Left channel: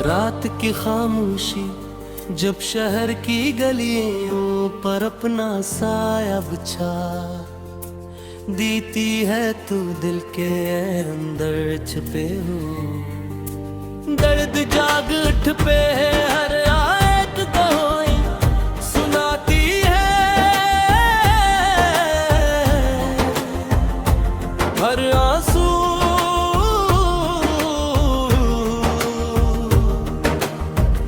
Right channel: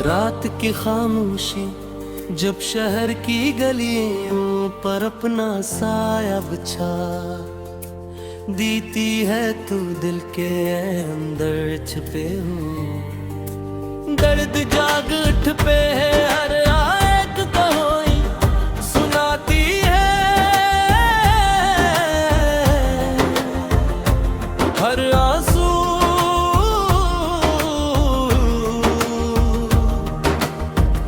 रात की खामोशी जब शहर की गलियों पर अपना साया बिछा देती है, तू दिल के अंदर छुपे हो दर्द जाग उठ पे है, हर आयत कहोई सुनाती है, हर आंसू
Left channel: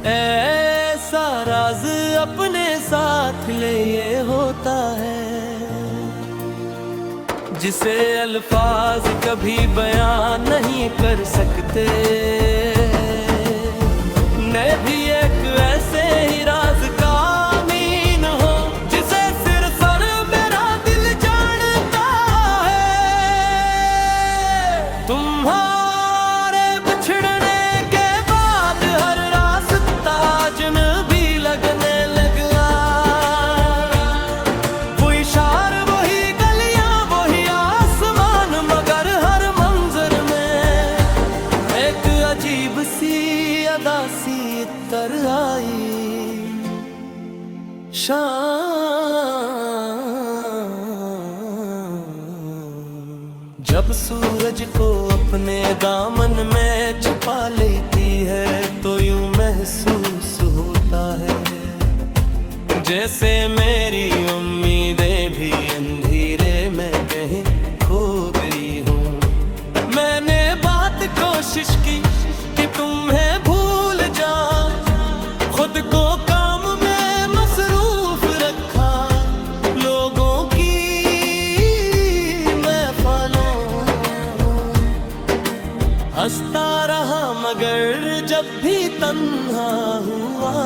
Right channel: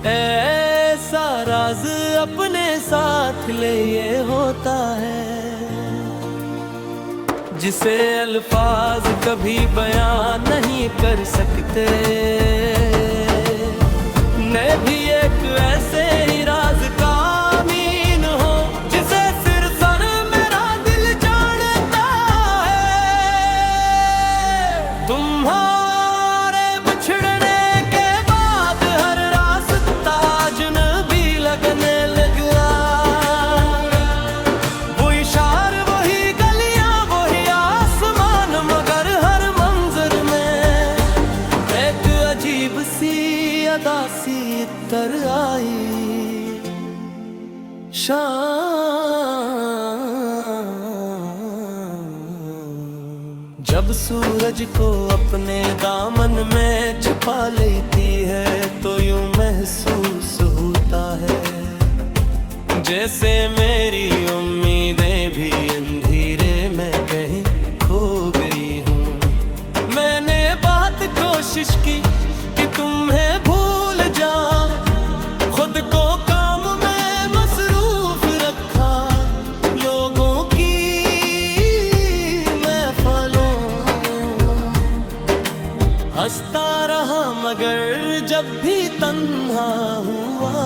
ऐसा राज अपने साथ ले ये होता है जिसे अल्फाज कभी बयान नहीं कर सकते। मैं भी एक ऐसे ही राज का अमीन हो जिसे सिर्फ और मेरा दिल जानता है। तुम्हारे बिछड़ने के बाद हर रास्ता अजनबी लगने लगा, वो इशार वही गलियां वही आसमान, मगर हर मंजर में एक अजीब सी अदा सी इतर आई। जब सूरज को अपने दामन में छुपा लेती है तो यूं महसूस होता है जैसे मेरी उम्मीदें भी अंधेरे में कहीं खो गई हूँ। मैंने बहुत कोशिश की कि तुम्हें भूल जाऊं, खुद को काम में मसरूफ रखा, लोगों की महफिलों हंसता रहा, मगर जब भी तन्हा हुआ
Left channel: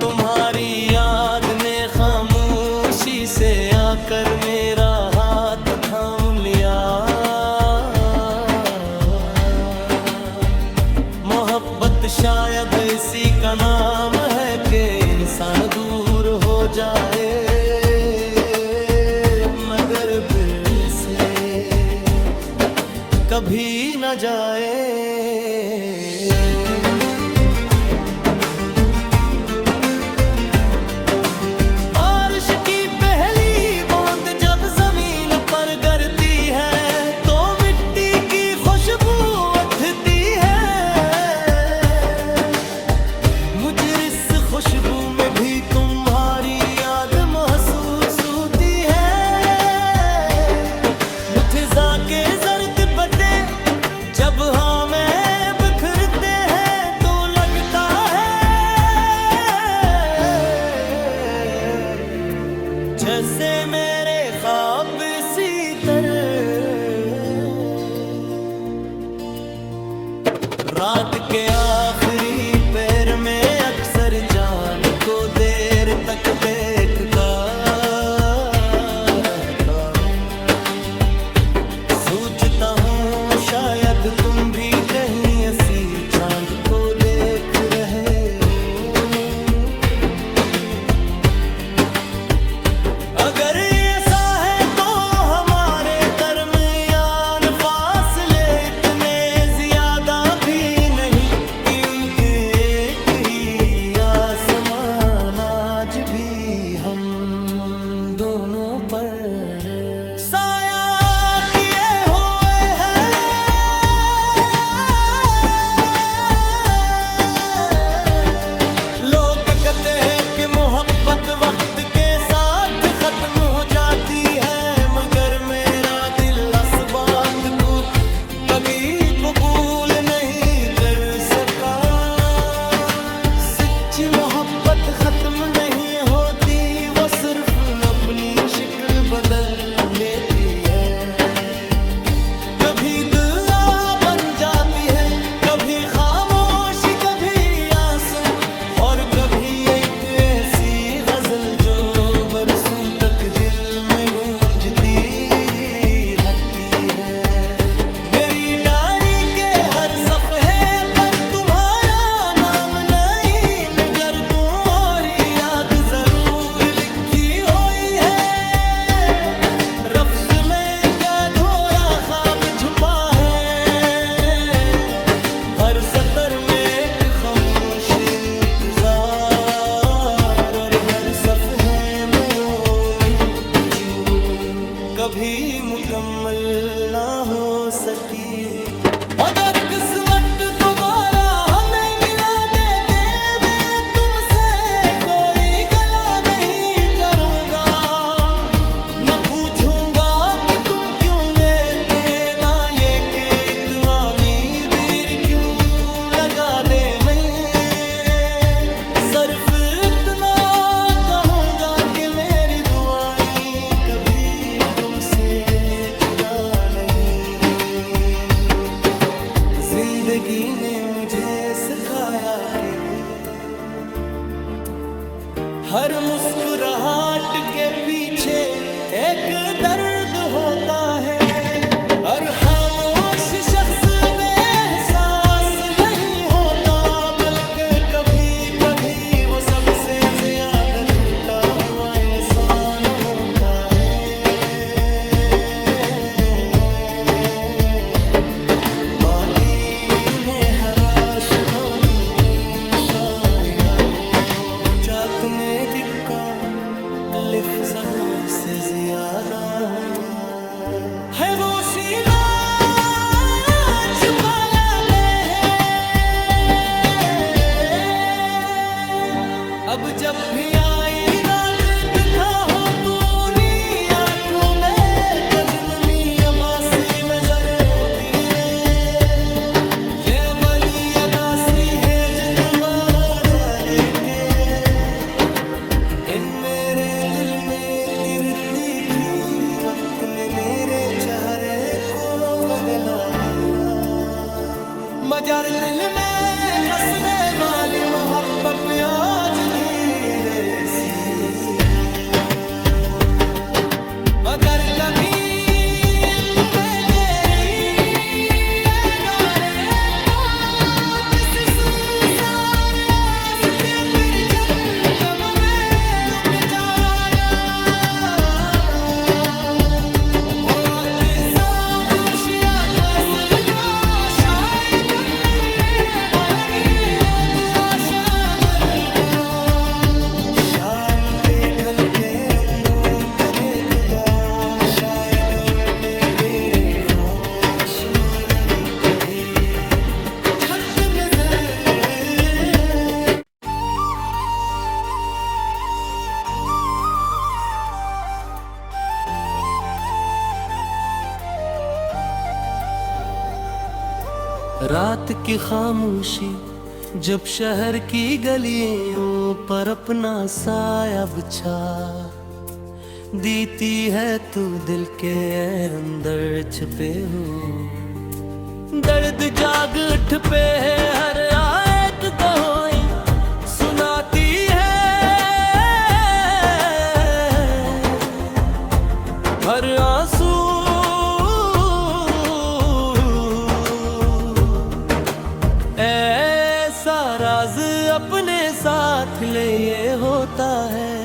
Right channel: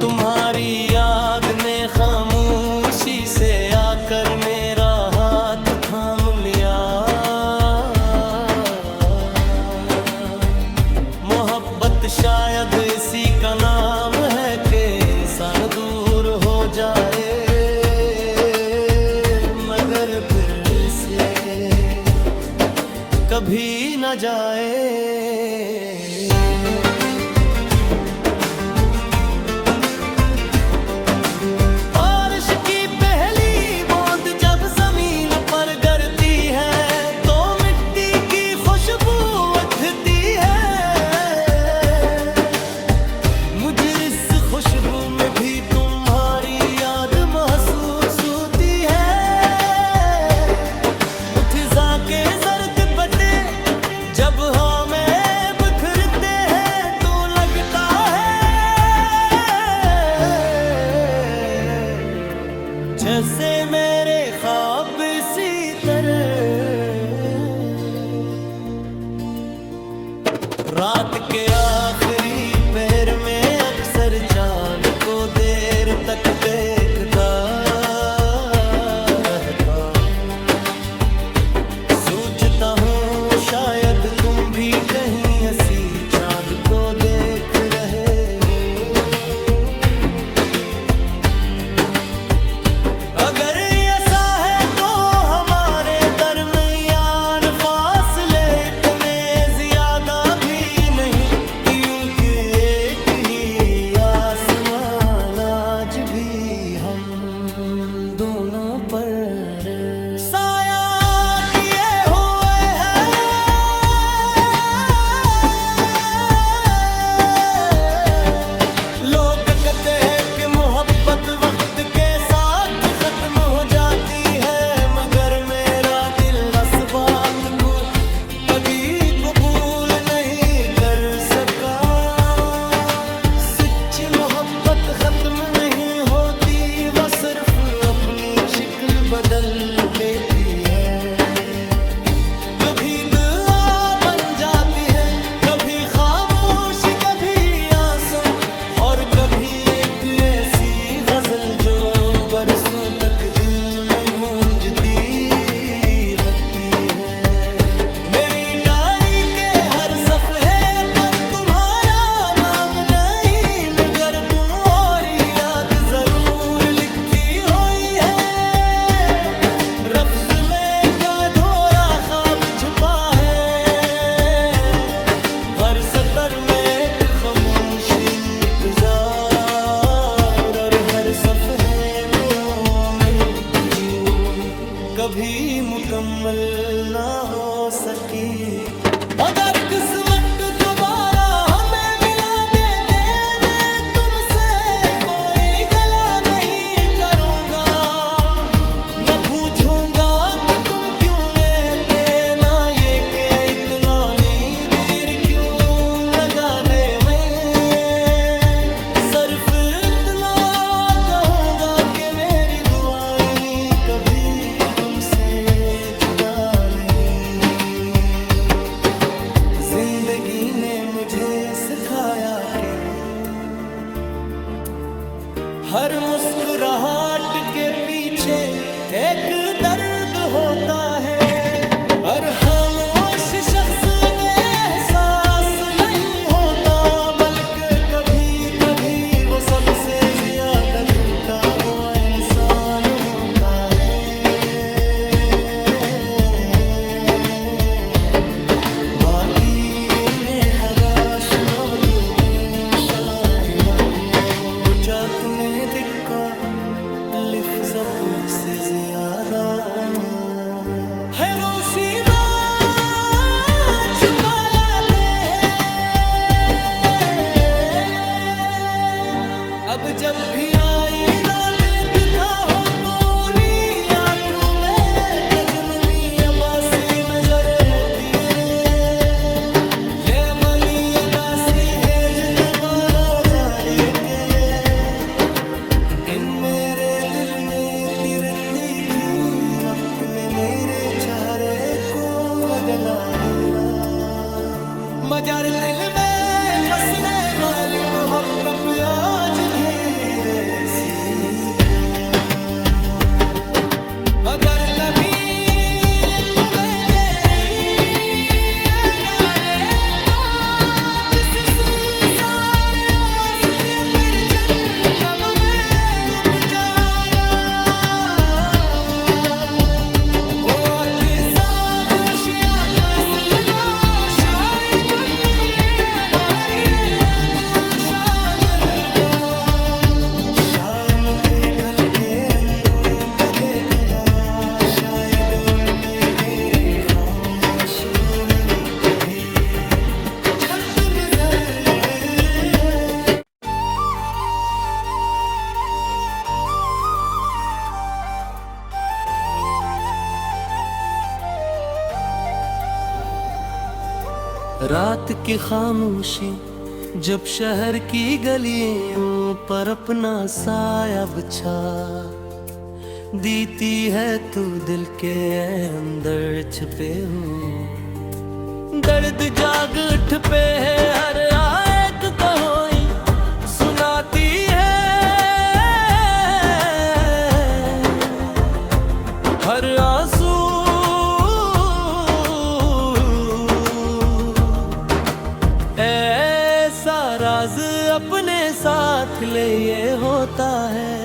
तुम्हारी याद ने खामोशी से आकर मेरा हाथ थाम लिया। मोहब्बत शायद इसी का नाम है कि इंसान दूर हो जाए मगर फिर से कभी न जाए। बारिश की पहली बूंद जब जमीन पर गिरती है तो मिट्टी की खुशबू उठती है, मुझे इस खुशबू में भी तुम्हारी याद महसूस होती है। मुठजा के जर्द बटे जब हमें बिखरते हैं तो लगता है जैसे मेरे ख्वाब इसी तरह रात के आखिरी पहर में अक्सर चांद को देर तक देखता रहता हूँ। सोचता हूँ शायद तुम भी कहीं ऐसी चांद को देख रहे हो। अगर ऐसा है तो हमारे दरमियान फासले इतने ज्यादा भी नहीं कि उनके एक ही आसमान आज भी हम दोनों पर साया किए हुए हैं। लोग कहते हैं कि मोहब्बत वक्त के साथ खत्म हो जाती है, मगर मेरा दिल इस बात को कभी कबूल नहीं कर सका। सच्ची मोहब्बत खत्म नहीं होती, वो सिर्फ अपनी शक्ल बदल लेती है। कभी दुआ बन जाती है, कभी खामोशी, कभी आंसू और कभी एक ऐसी गजल जो बरसों तक दिल में गूंजती रहती है। मेरी डायरी के हर सफ़े पर तुम्हारा नाम नहीं, मगर तुम और याद जरूर लिखी हुई है। रफ्ज में का धोरा ख्वाब छुपा है, सफर में एक खामोश इंतजार, और हर सफ़हे में ओ मैं जो कभी मुकम्मल ना हो सकी। अगर किस्मत दोबारा हमें मिला देते, मैं तुमसे कोई गला नहीं करूँगा, न पूछूंगा कि तुम क्यों गए थे, ना ये कि इतना नींद क्यों लगा दे। मैं सिर्फ इतना कहूँगा कि मेरी दुआएं कभी तुमसे जुदा नहीं। जिंदगी ने मुझे सिखाया कि हर मुस्कुराहट के पीछे एक दर्द होता है, और खामोश शख्स बेएहसास नहीं होता, बल्कि कभी कभी वो सबसे ज्यादा टूटा हुआ इंसान होता है। बाकी में हराश लोग में शाया हो, चाहतने दिक्का लिफ ज़बू से ज्यादा है वो शीना छुपा लाते हैं। अब जब भी आई ना देखा हो तो आँखों में कजनमी अबा से मैं जरती रे, ये बली अदासी है जो तुम्हारा जारे के। इन मेरे दिल में तिरती थी वक्त में मेरे चेहरे को बदलाएगा, मगर दिल में बसने वाली मोहब्बत आज धीरे सी है। अगर कभी तुम्हें तेरी याद आए तो किस सुनसान रास्ते फिर जंगल में रुक जाना, वो आपके साथ होशिया फसल दो, शायद ये हमारी तो शामिल दो। शाम के खल के रंगों को देख या शायद हमने मेरे खामोश मोनन भी खत नजर। रात की खामोशी जब शहर की गलियों पर अपना साया बिछा दीती है, तू दिल के अंदर छुपे हो दर्द जाग उठ पे है, हर आयत कहोई सुनाती है, हर आंसू ऐसा राज अपने साथ ले ये होता है,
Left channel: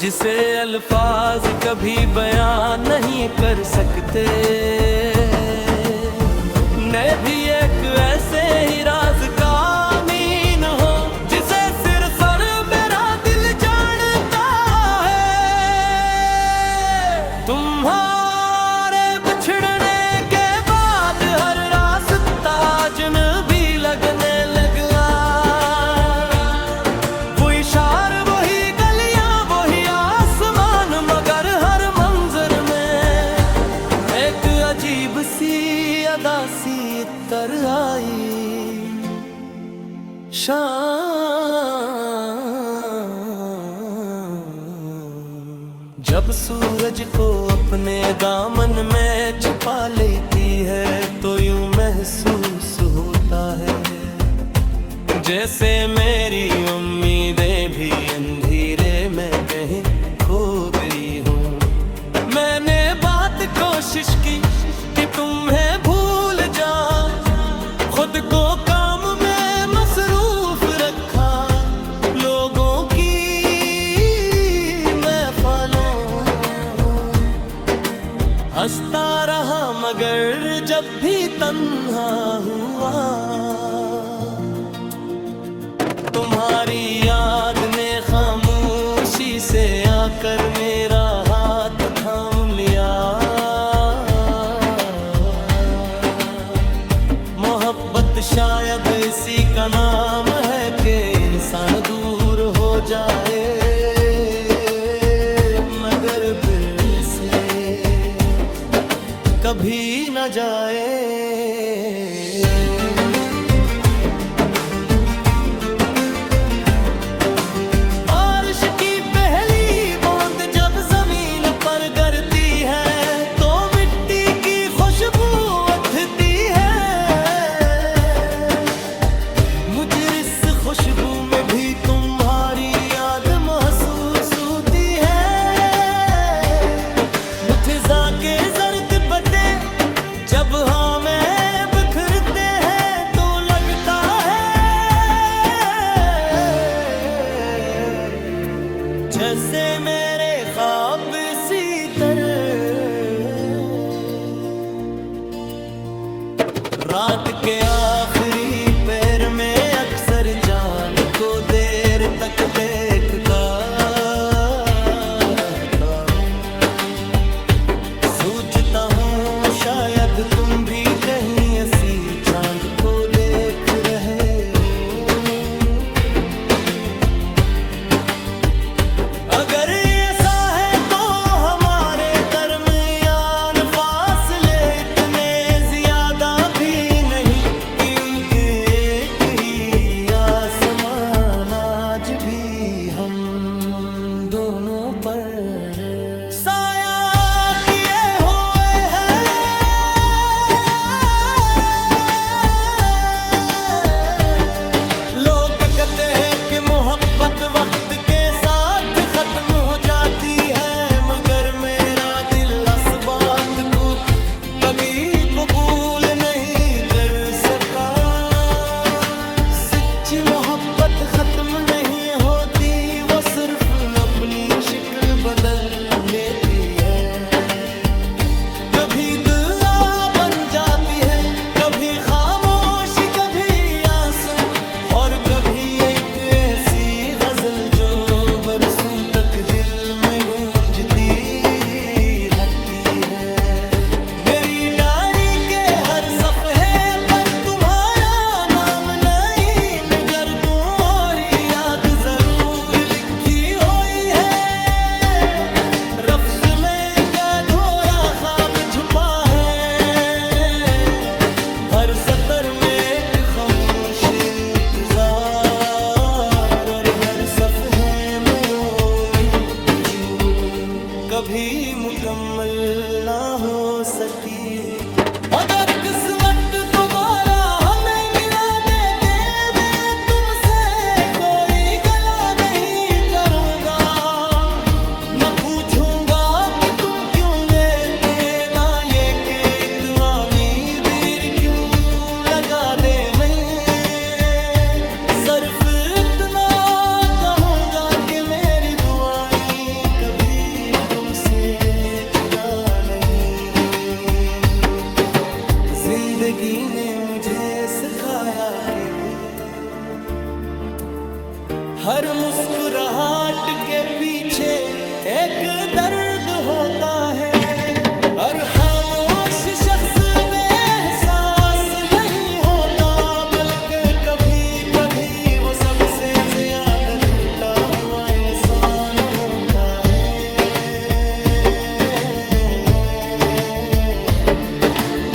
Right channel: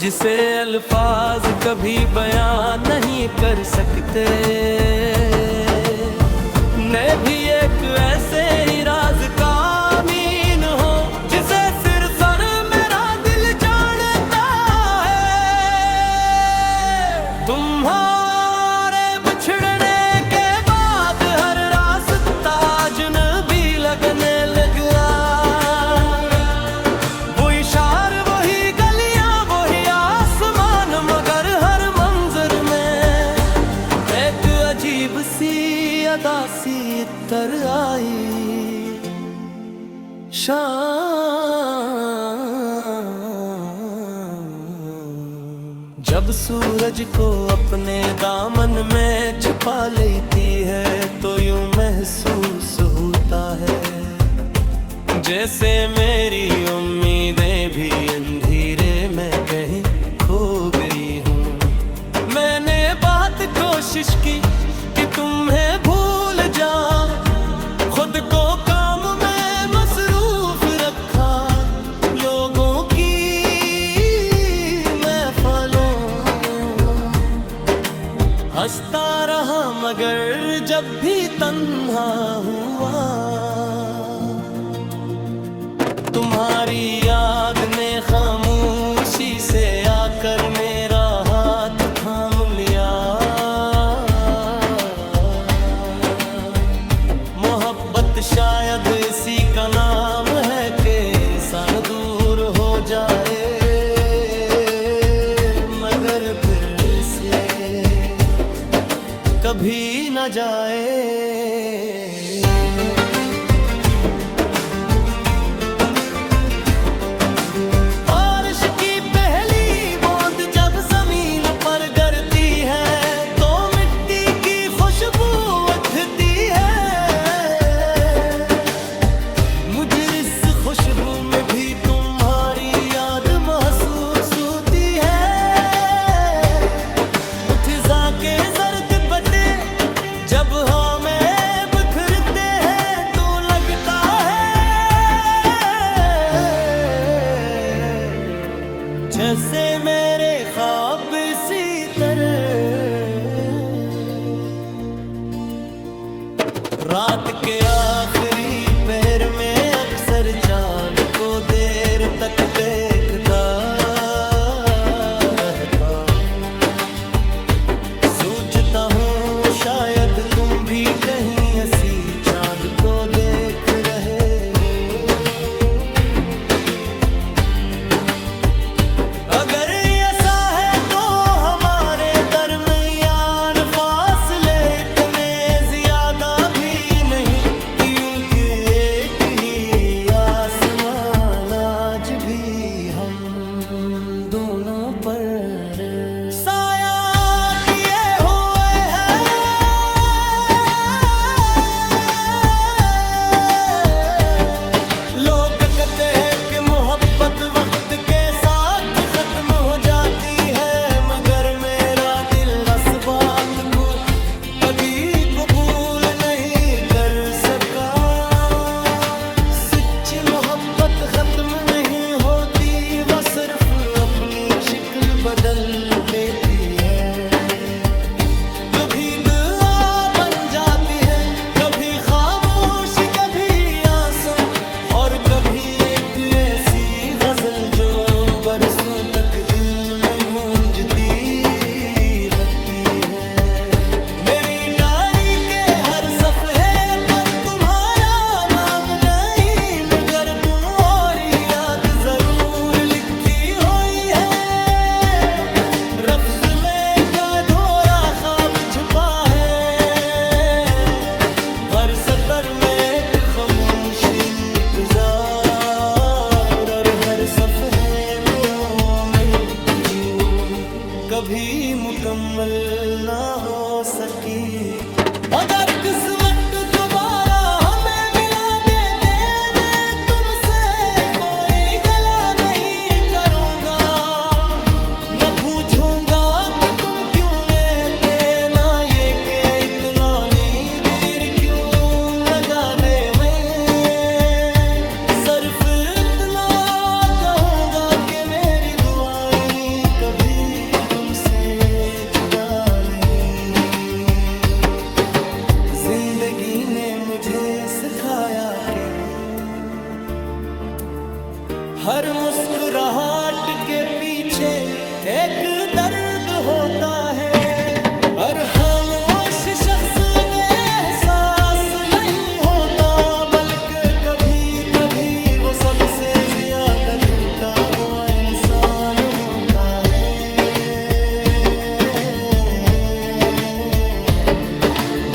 जिसे अल्फाज कभी बयान नहीं कर सकते। मैं भी एक ऐसे ही राज का अमीन हो, जिसे सिर्फ और मेरा दिल जानता है। तुम्हारे बिछड़ने के बाद हर रास्ता अजनबी लगने लगा, वो इशार वही गलियां वही आसमान, मगर हर मंजर में एक अजीब सी अदासी तर आई। शाम जब सूरज को अपने दामन में छुपा लेती है, तो यूं महसूस होता है जैसे मेरी उम्मीदें भी अंधेरे में कहीं खो गई हूँ। मैंने बहुत कोशिश की कि तुम्हें भूल जाऊं, खुद को काम में मसरूफ रखा, लोगों की महफिलों हंसता रहा, मगर जब भी तन्हा हुआ हुआ। तुम्हारी याद ने खामोशी से आकर मेरा हाथ थाम लिया। मोहब्बत शायद इसी का नाम है कि इंसान दूर हो जाए मगर फिर से कभी न जाए। बारिश की पहली बूंद जब जमीन पर गिरती है तो मिट्टी की खुशबू उठती है। मुझे इस खुशबू में भी तुम्हारी याद महसूस होती है। मुठिजा के जर्द बटे जब हमें बिखरते हैं तो लगता है जैसे मेरे ख्वाब इसी तरह। रात के आखिरी पहर में अक्सर चांद को देर तक देखता रहता हूँ। सोचता हूँ शायद तुम भी कहीं ऐसी चांद को देख रहे हो। अगर ऐसा है तो हमारे दरमियान फासले इतने ज्यादा भी नहीं कि उनके एक ही आसमान आज भी हम दोनों पर साया किए हुए हैं। लोग कहते हैं कि मोहब्बत वक्त के साथ खत्म हो जाती है मगर मेरा दिल इस बात को कभी कबूल नहीं कर सका। सच्ची मोहब्बत खत्म नहीं होती, वो सिर्फ अपनी शक्ल बदल लेती है। कभी दुआ बन जाती है, कभी खामोशी, कभी आंसू और कभी एक ऐसी गजल जो बरसों तक दिल में गूंजती रहती है। मेरी डायरी के हर सफ़े पर तुम्हारा नाम नहीं मगर तुम और याद जरूर लिखी हुई है। लफ्ज में का धोरा ख्वाब छुपा है, हर सतर में एक खामोश इंतजार और हर सफ़े में वो महजू कभी मुकम्मल ना हो सकी। अगर किस्मत दोबारा हमें मिला देते मैं तुमसे कोई गला नहीं करूँगा। न पूछूंगा कि तुम क्यों गए थे, ना ये कि इतना नींद क्यों लगा दे। मैं सिर्फ इतना कहूँगा कि मेरी दुआएं कभी तुमसे जुदा नहीं। जिंदगी ने मुझे सिखाया कि हर मुस्कुराहट के पीछे एक दर्द होता है। हर खामोश शख्स बेएहसास नहीं होता, बल्कि कभी कभी वो सबसे ज्यादा टूटा हुआ इंसान होता है।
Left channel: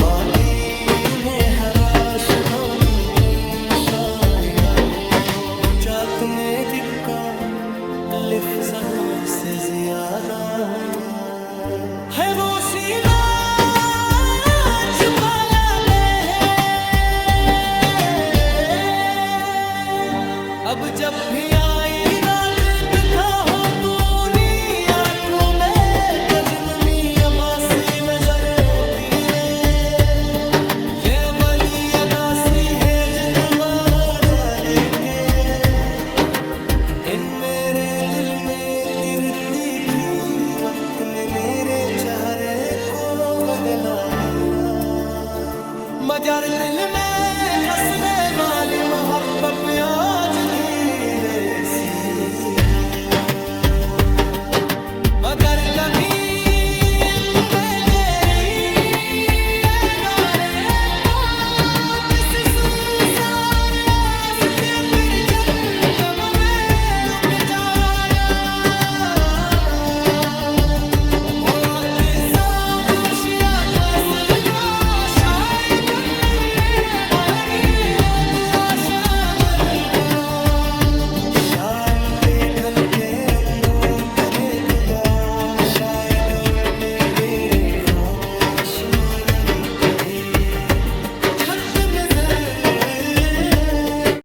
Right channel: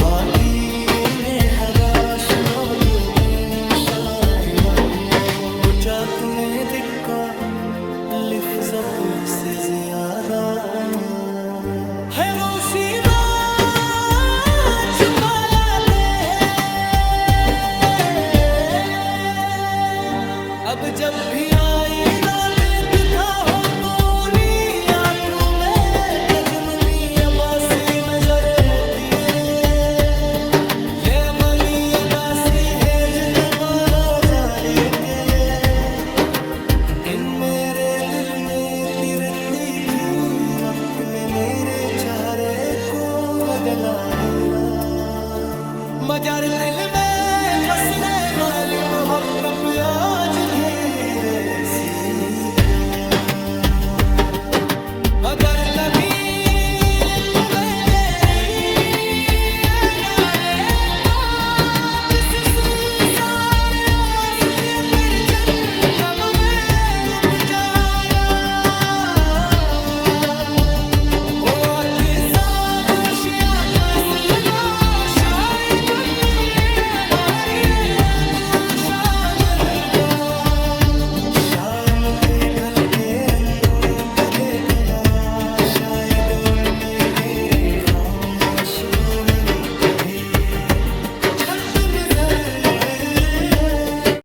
माटी में हराश लोग में शाया हो चाहतने दिक्का लिफ ज़बू से ज्यादा है। गोशीमा छुपा लाते हैं, अब जब भी आई रात दिखा हो तो आँखों में कजनमी अबास में जरती रे। ये बली अदासी है जो तुम्हारा जाने के इन मेरे दिल में तिरती थी वक्त में मेरे चेहरे को बदला हीरा। मजार दिल में बसने वाली मोहब्बत आज धीरे सी है। अगर कभी तुम्हें तेरी याद आए तो किस सुनसान रास्ते फिर जंगल में रुक जाना। ओ आपके साथ वशिया फसल दो शायद ये नारी तू आशा मिल गो। शाम के खलके रंगों को देख या शायद हमने तेरे खामोश मोहन भी खत नजर आए।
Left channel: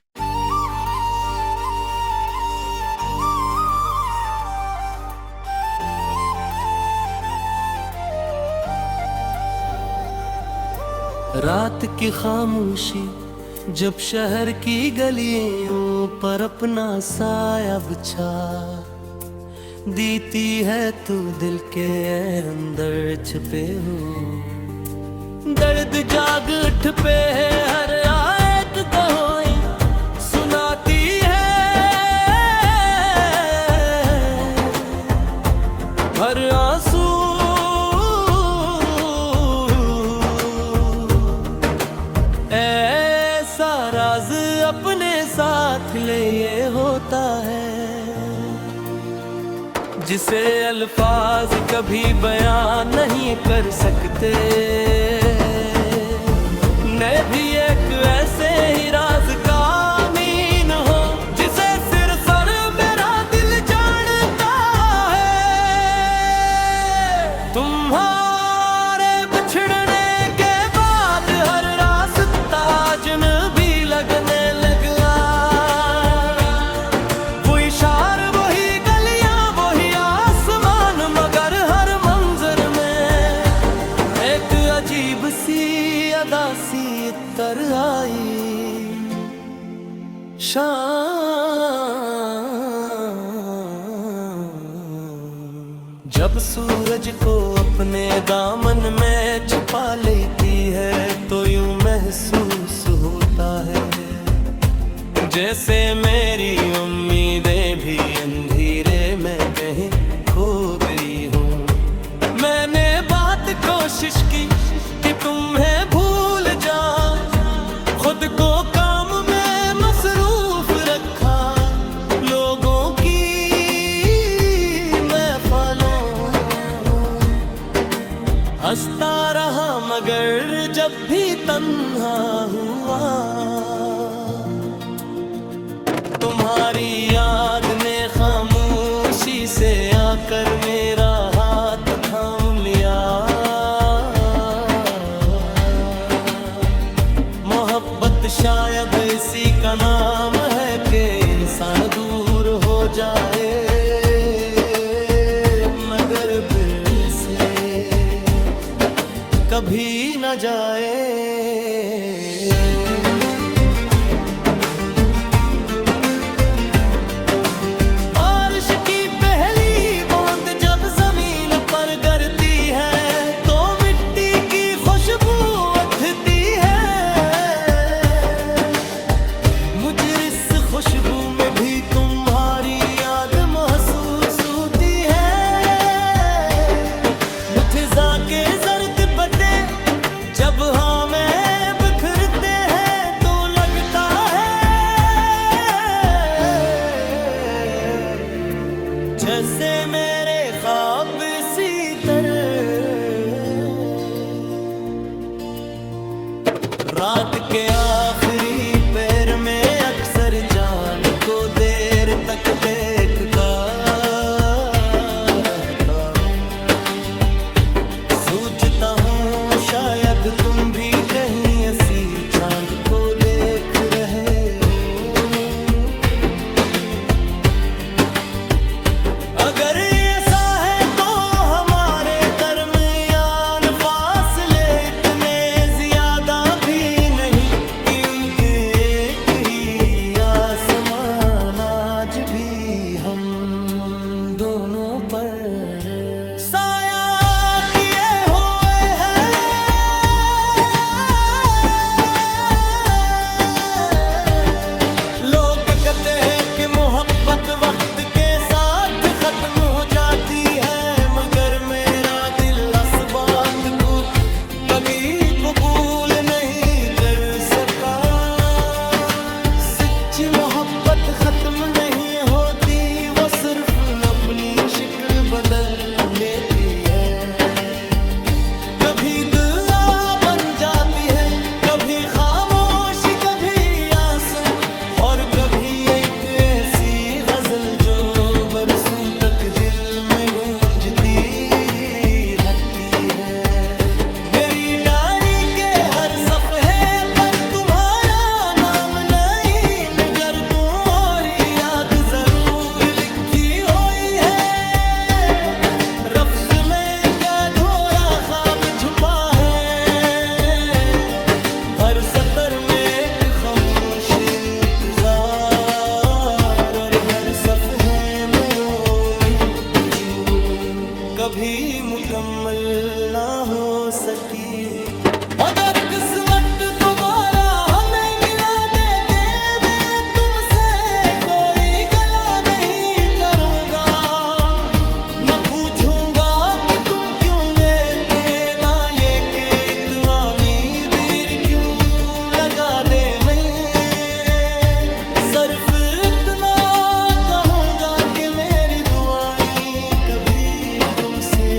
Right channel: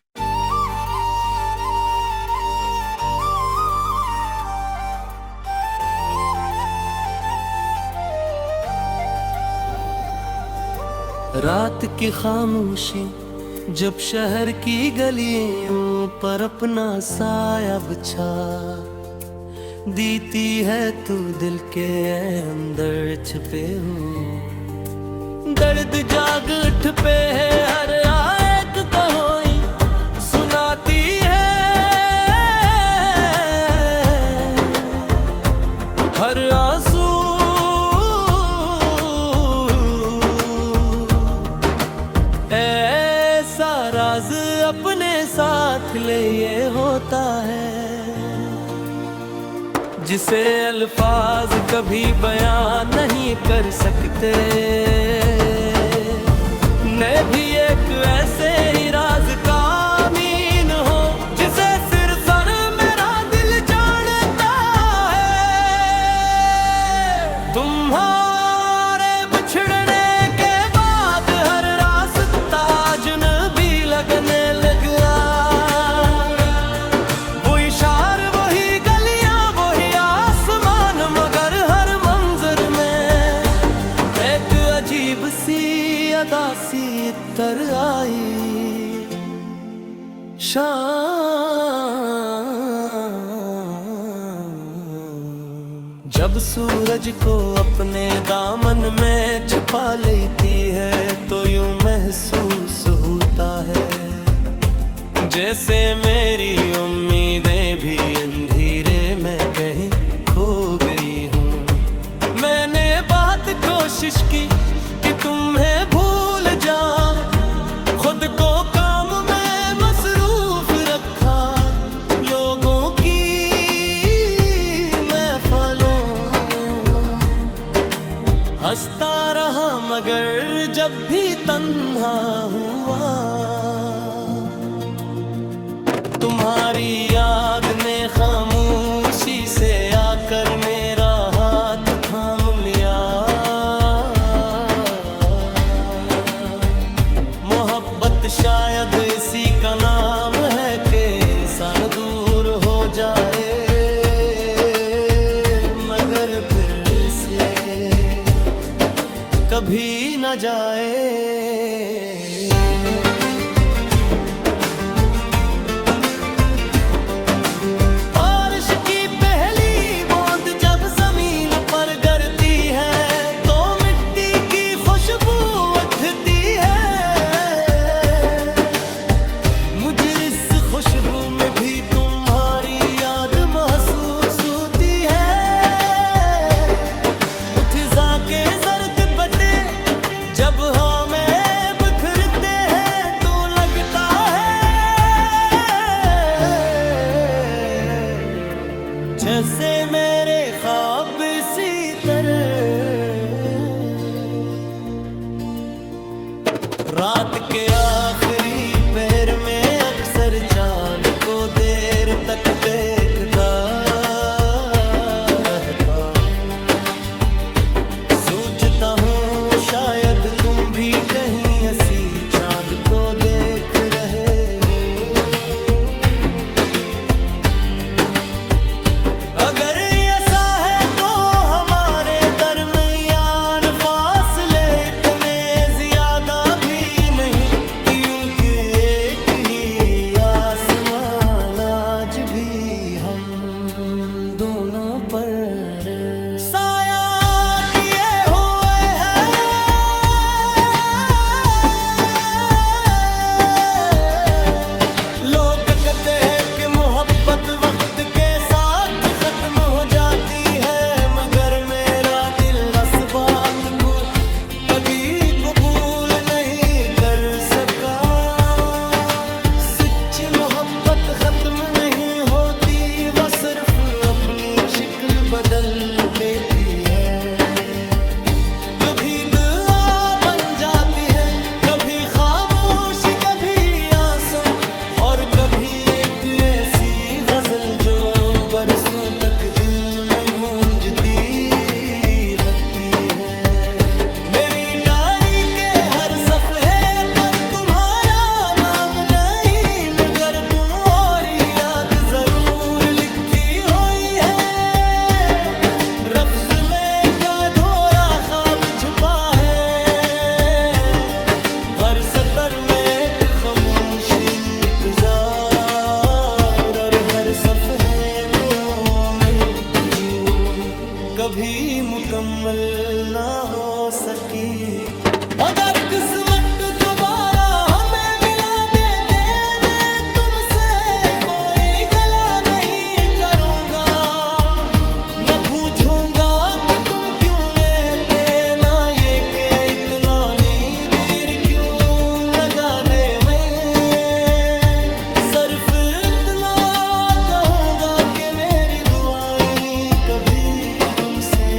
रात की खामोशी जब शहर की गलियों पर अपना साया बिछा दीती है तू दिल के अंदर छुपे हो। दर्द जाग उठ पे है हर आयत कोई सुनाती है। हर आंसू ऐसा राज अपने साथ ले ये होता है जिसे अल्फाज कभी बयान नहीं कर सकते। मैं भी एक ऐसे ही राज का अमीन हो जिसे सिर्फ और मेरा दिल जानता है। तुम्हारे बिछड़ने के बाद हर रास्ता अजनबी लगने लगा। वो इशार वही गलियां वही आसमान मगर हर मंजर में एक अजीब सी अदा सी तर आई। जब सूरज को अपने दामन में छुपा लेती है तो यूं महसूस होता है जैसे मेरी उम्मीदें भी अंधेरे में कहीं खो गई हूँ। मैंने बहुत कोशिश की कि तुम्हें भूल जाऊं, खुद को काम में मसरूफ रखा। लोगों की महफिलों हंसता रहा मगर जब भी तन्हा हुआ तुम्हारी याद ने खामोशी से आकर मेरा हाथ थाम लिया। मोहब्बत शायद इसी का नाम है कि इंसान दूर हो जाए मगर फिर से कभी न जाए। की पहली बूंद जब जमीन पर गिरती है तो मिट्टी की खुशबू उठती है। मुझे इस खुशबू में भी तुम्हारी याद महसूस होती है। मुठजा के जर्द बटे जब हमें बिखरते हैं तो लगता है जैसे मेरे ख्वाब इसी तरह रात के आखिरी पहर में अक्सर चांद को देर तक देखता रहता हूँ। सोचता हूँ शायद तुम भी कहीं ऐसी चांद को देख रहे हो। अगर ऐसा है तो हमारे दरमियान फासले इतने ज्यादा भी नहीं कि उनके एक ही आसमान आज भी हम दोनों पर साया किए हुए हैं। लोग कहते हैं कि मोहब्बत वक्त के साथ खत्म हो जाती है, मगर मेरा दिल इस बात को कभी कबूल नहीं कर सका। सच्ची मोहब्बत खत्म नहीं होती, वो सिर्फ अपनी शक्ल बदल लेती है। कभी दुआ बन जाती है, कभी खामोशी, कभी आंसू, और कभी एक ऐसी गजल जो बरसों तक दिल में गूंजती रहती है। मेरी डायरी के हर सफ़े पर तुम्हारा नाम नहीं, मगर तुम और याद जरूर लिखी हुई है। लफ्ज़ में का अधूरा ख्वाब छुपा है, हर सतर में एक खामोश इंतजार, और हर सफ़े में जो कभी मुकम्मल ना हो सकी। अगर किस्मत दोबारा हमें मिला देते, मैं तुमसे कोई गला नहीं करूँगा, न पूछूंगा कि तुम क्यों गए थे, ना ये कि इतना नींद क्यों लगा दे। मैं सिर्फ इतना कहूँगा कि मेरी दुआएं कभी तुमसे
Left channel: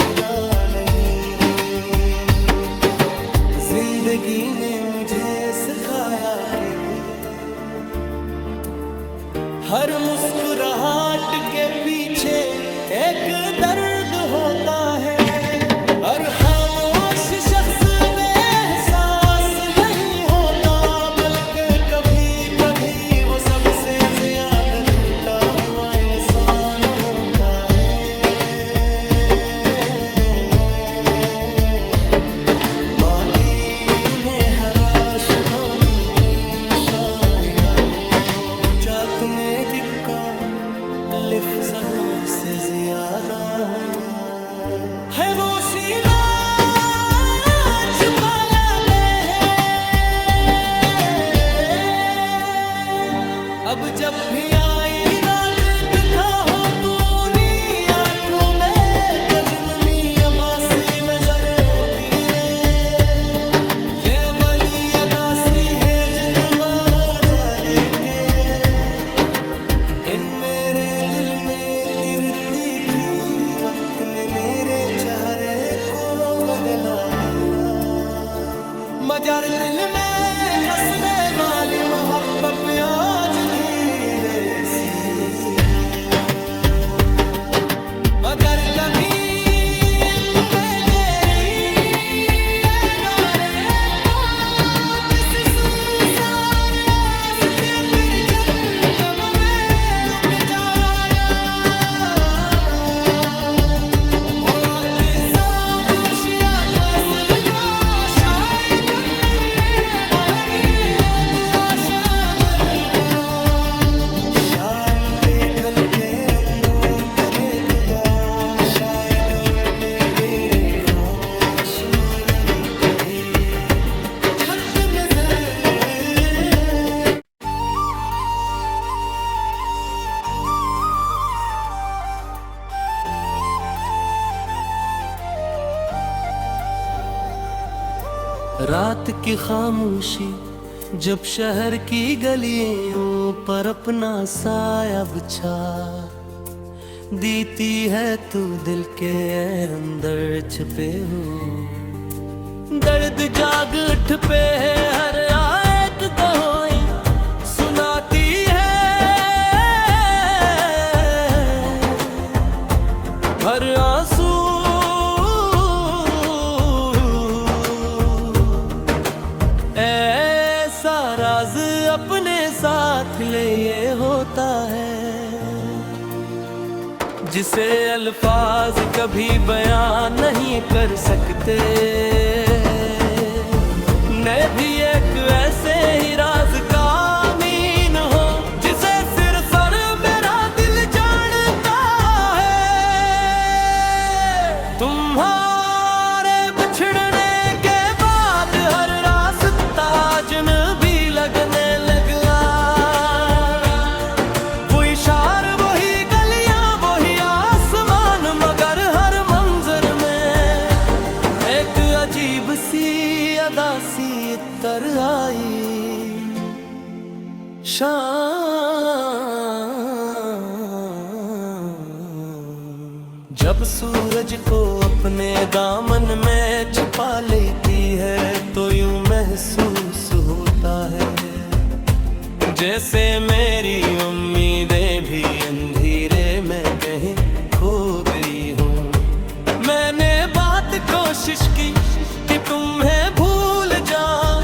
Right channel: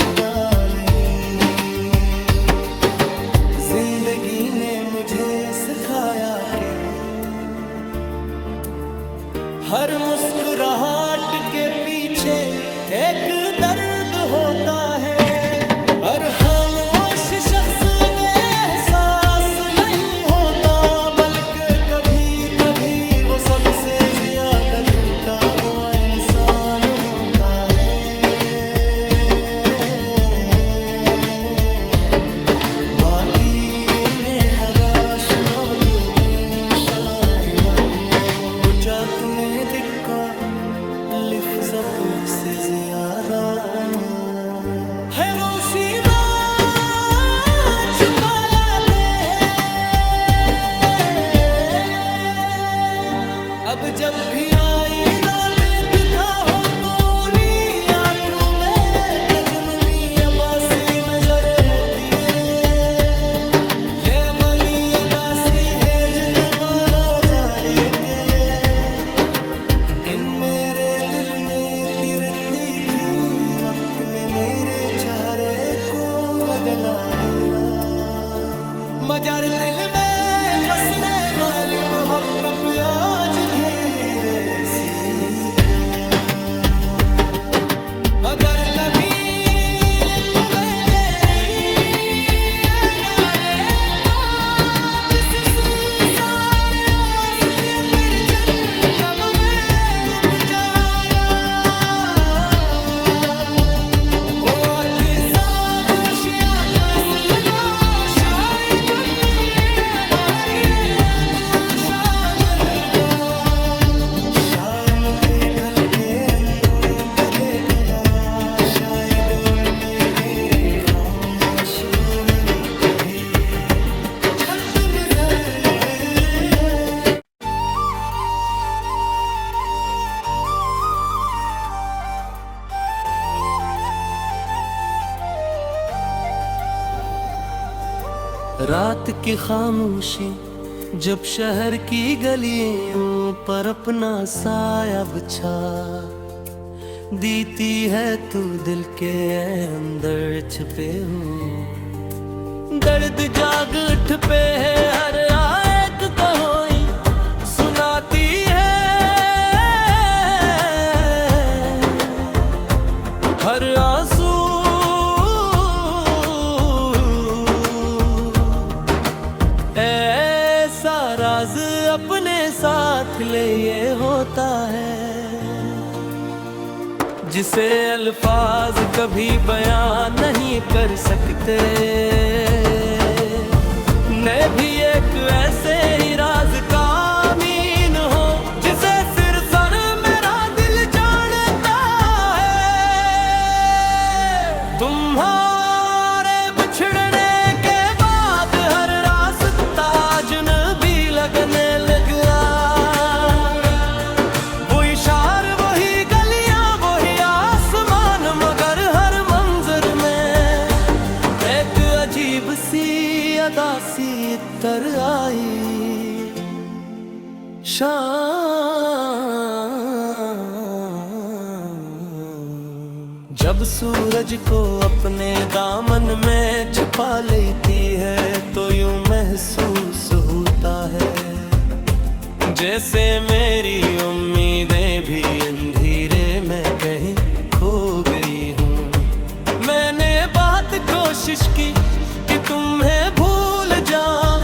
जुदा नहीं। जिंदगी ने मुझे सिखाया कि हर मुस्कुराहट के पीछे एक दर्द होता है, हर खामोश शख्स बेएहसास नहीं होता, बल्कि कभी कभी वो सबसे ज्यादा टूटा हुआ इंसान होता है। माटी में हराश लोग में शाया हो जात ने दिक्का लिफ ज़बू से ज्यादा है। वो शिवा छुपा लाते हैं, अब जब भी आई ना दिखा हो तो नी आंखों में कजनमी अब्बास में जरती रे। ये वली अदासी है जो तुम्हारा जाने के, इन मेरे दिल में तिरती थी वक्त में मेरे चेहरे को बदलाएगा। मगर दिल में बसने वाली मोहब्बत आज धीरे सी है। अगर कभी हल्के रंगों को देख या शायद हमने तेरे खामोश मोहन भी छत नजर। रात की खामोशी जब शहर की गलियों पर अपना साया बिछा देती है, तू दिल के अंदर छुपे हो। दर्द जाग उठ पे है हर आयत कहोई सुनाती है, हर आंसू राज अपने साथ ले ये होता है, जिसे अल्फाज कभी बयान नहीं कर सकते। मैं भी एक ऐसे ही राज का अमीन हो जिसे सिर्फ और मेरा दिल जानता है। तुम्हारे बिछड़ने के बाद हर रास्ता अजनबी लगने लगा। उतर आई शाम। जब सूरज को अपने दामन में छुपा लेती है तो यूं महसूस होता है जैसे मेरी उम्मीदें भी अंधेरे में कहीं खो गई हूँ। मैंने बहुत कोशिश की कि तुम्हें भूल जाऊं,